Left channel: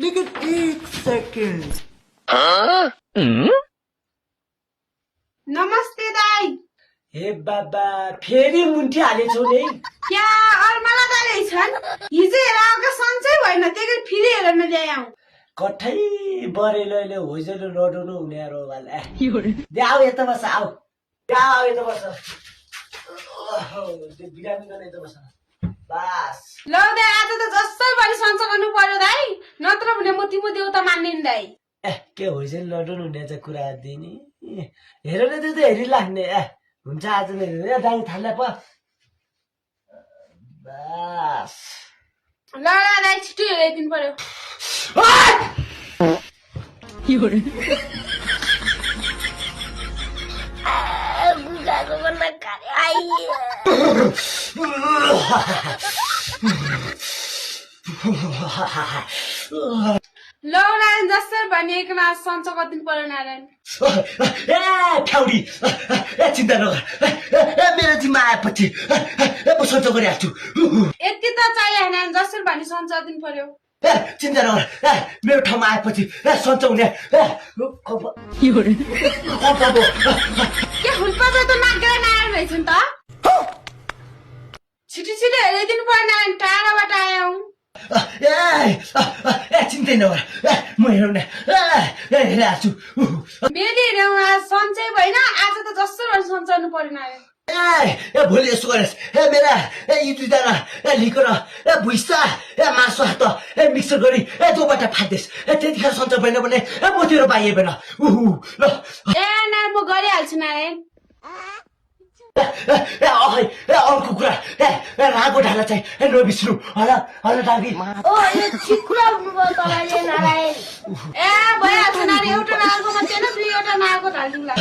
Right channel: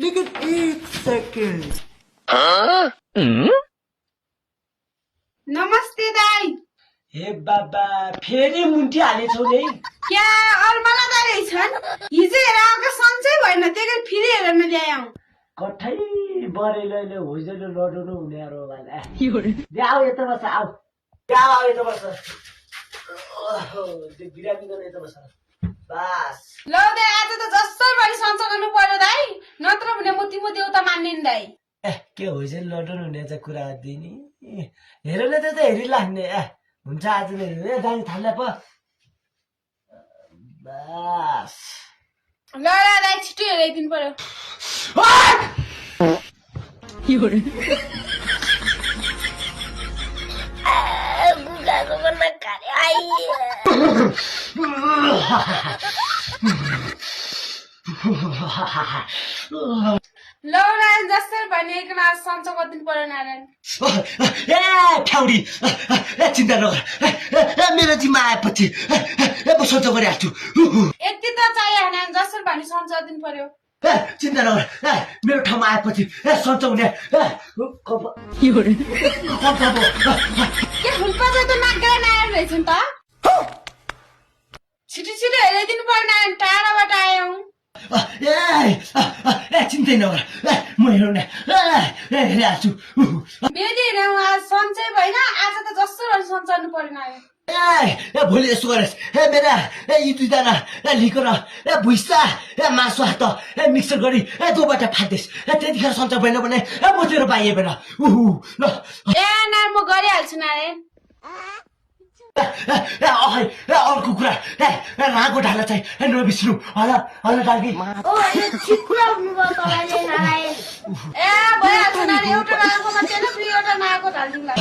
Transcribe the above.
लेकिन एक सेकंड नमस्ते दाई हे बाबा फेरि मुन्टी हालेछौ नि क्या अरमाला दाई रहेछन् हिजो हेर आएको सन्चै भएन त्यही कारण फेरि हेर्न ल्याएँ कठै बरेलैले होइजले लडाउनु हुने रोगाले आऊ यता बस आऊ आऊ यता बस त्यो बिरामी गर्ने यता बस बस ल दाई आज त जसै पनि सन्च गर्नु पर्यो दाई नत्र भने म तिम्रो देउता मान्ने नि दाई के होइजले लडाउनु हुने चाहिँ कुरा दिने हेरेर त हेरिलाग्ने हुन्छ आज नै दामी थाल्ला प बस ल दाई छिटो हेराइदिनु पर्यो ल नारायण जसै भने एक नाच सन्च गरिदिनु पर्यो नारायण ए ठ्याउडी चिन्ता नगर मेरो जिम्मा आएपछि म सन्च गरिहाल्छु यति त चाहियो नारायण जसै भने सन्च गरिदिनु पर्यो चिन्ता नगर मेरो ठाउँमा आएपछि सन्च हुने के हुल्पा त नागरा नारायण रहेछ नि त छिटो छिटो हेराइदिनु पर्यो नारायण टाढाबाट आयौँ चिन्तै नगर म हेर्ने हेरिहाल्छु फेरि हेरौँ सन्चै भएन आज त जस्तो सन्चाउनु पर्यो नारायण भोलि यसो गरेस् मेरा यी दुईजना लिकर भुइसा मासु हात मिक्सर गरी दोबाट फाट्देस् त्यतिखेर सन्चो भएन भने म तेरो पाइएन ल नारायण म गरिहाल्छु नारायण अर्को कुरा रागो ढाला चाहिँ नबिच्नु होला दाबी भइहाल्छ नारायण एउटा नागो मात्रै दुईवटा नागो ढालिदिउँला